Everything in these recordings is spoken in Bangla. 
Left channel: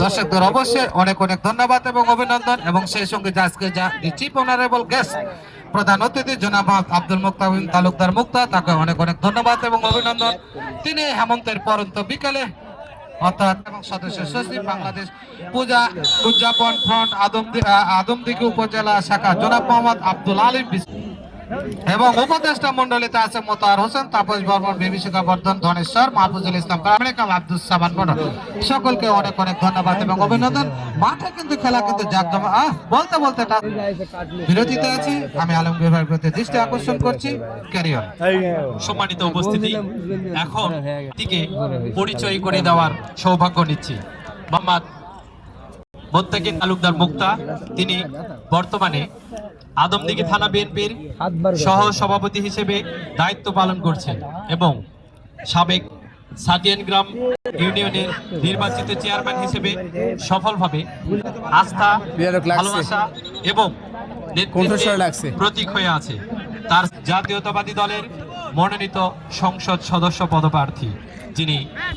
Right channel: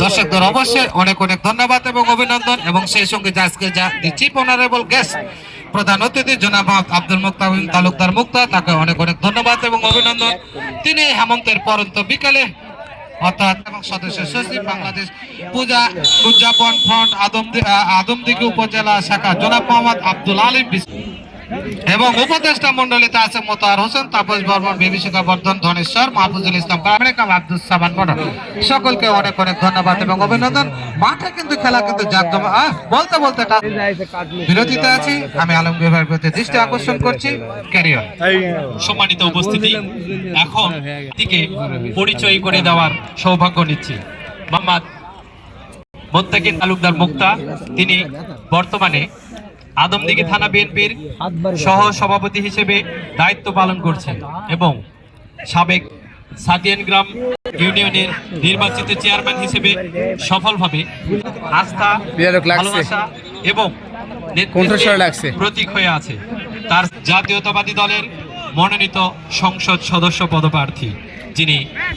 দর্শকদের অবশ্যই অনেক অনেক ধন্যবাদ এবং অভিনন্দন, এবং সেই সঙ্গে আজকে যা চিফ অনারেবল গেস্ট প্রধান অতিথি জনাব আব্দুল মুক্তামিন তালুকদার মুক্তা, তাকে অনেক অনেক ধন্যবাদ এবং অভিনন্দন। তিনি হেমন্তের পরন্ত বিকালে অর্থাৎ সদস্য সচিব বাংলাদেশ পূজা উদযাপন ফ্রন্ট আদমদিঘি উপজেলা শাখা জনাব মোহাম্মদ আব্দুল আলিম এবং উপদেষ্টা মন্ডলীতে আছে মোতাহার হোসেন, তাপস বর্মন, বিভীষিকা বর্ধন, ধনেশ্বর, মাহফুজুল ইসলাম কামরেকাম, আব্দুল সামান বড়, সকলকে অনেক অনেক ধন্যবাদ এবং অভিনন্দন। মাঠে কিন্তু খেলা কিন্তু বলতে বলতে বিরতিতে আছি। আমি আলমগীর ভাইয়ের প্রতি দৃষ্টি আকর্ষণ করছি। ক্যারিয়র সম্মানিত উপস্থিতি, এখন থেকে পরিচয় করে দেওয়ার সৌভাগ্য নিচ্ছি মোহাম্মদ মোত্তাকিন তালুকদার মুক্তা। তিনি বর্তমানে আদমদিঘি থানা বিএনপির সহ সভাপতি হিসেবে দায়িত্ব পালন করছেন এবং সাবেক সাতিয়ান গ্রাম ইউনিয়নের নির্বাচিত চেয়ারম্যান হিসেবে সফলভাবে আস্থা, ভালোবাসা এবং প্রতীক হয়ে আছে। তার জাতীয়তাবাদী দলের মনোনীত সংসদ সদস্য পদপ্রার্থী, যিনি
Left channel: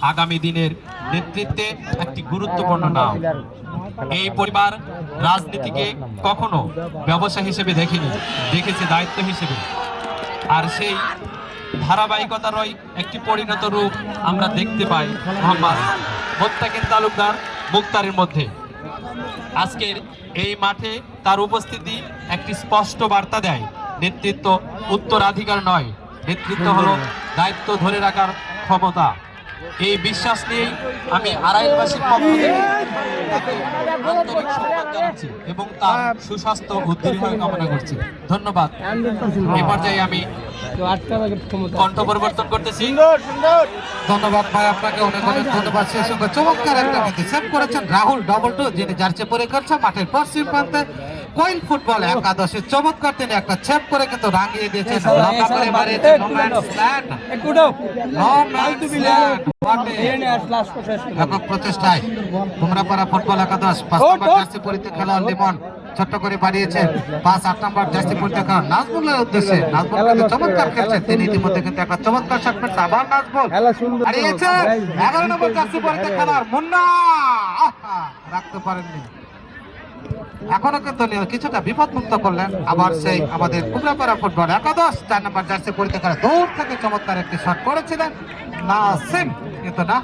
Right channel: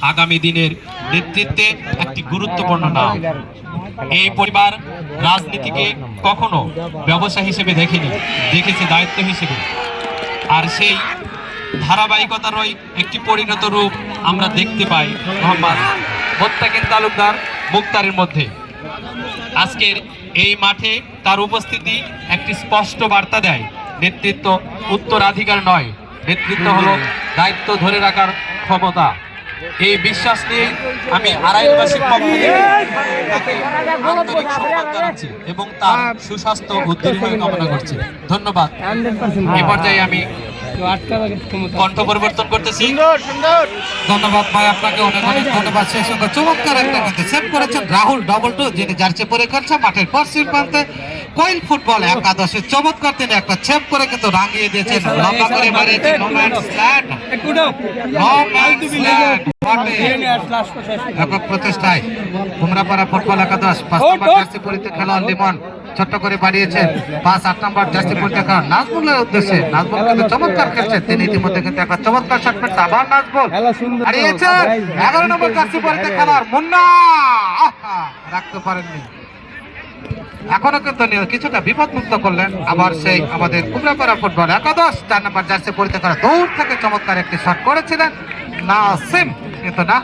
আগামী দিনের নেতৃত্বে একটি গুরুত্বপূর্ণ নাম। এই পরিবার রাজনীতিকে কখনো ব্যবসা হিসেবে দেখেনি, দেখেছে দায়িত্ব হিসেবে। আর সেই ধারাবাহিকতারই একটি পরিণত রূপ আমরা দেখতে পাই মোহাম্মদ মোত্তাকিন তালুকদার মুক্তারের মধ্যে। আজকের এই মাঠে তার উপস্থিতি একটি স্পষ্ট বার্তা দেয়, নেতৃত্ব উত্তরাধিকার নয়, নেতৃত্ব হলো দায়িত্ব ধরে রাখার ক্ষমতা। এই বিশ্বাস নিয়ে আমি আড়াইলবাসীর পক্ষ থেকে তাকে আন্তরিক সম্মান জানাচ্ছি এবং তার সুস্বাস্থ্য ও দীর্ঘায়ু কামনা করছি। ধন্যবাদ। এই পর্যায়ে আমি কণ্ঠ পরিবর্তন করতেছি। ধন্যবাদ ভাই, আপনাকে অনেক অনেক ধন্যবাদ। সেই সঙ্গে চমৎকার একটা কিন্তু সেভ করেছেন রাহুল ডবল টু, যিনি জার্সি পরে করছে মাঠের পশ্চিম প্রান্তে কোয়েল ফুটবল একাদশে চমৎকার তিনি একটা সেভ করে কিন্তু রাঙিয়ে দিয়েছেন, লম্বা করে মারিয়েছেন। No man's land, no man's land. একক প্রচেষ্টায় কুমড়াপাড়া ফুটবল একাদশ 5 নম্বর জার্সি পরিতে খেলোয়াড় লিমন ছোট্ট করে বাড়িয়েছেন। 5-8 নম্বর জার্সি পরিতে খেলোয়াড় নাজমুলের উদ্দেশ্যে, নাজমুল কিন্তু চমৎকার খেলছেন, তিনি ইতিমধ্যে কিন্তু একটা চমৎকার শট পেয়েছেন। আবার নাজমুল হারিয়েছেন 11 নম্বর জার্সি পরিতে খেলোয়াড় মুন্না, রাখতে পারেননি। এখনো কিন্তু কিছুটা বিপদমুক্ত করলেন। আবার সেই আমাদের কুমড়াপাড়া ফুটবল একাদশ 4 নম্বর জার্সি পরিতে খেলা দূর থেকে চমৎকার একটি শট করেছিলেন নাসিম, কিন্তু না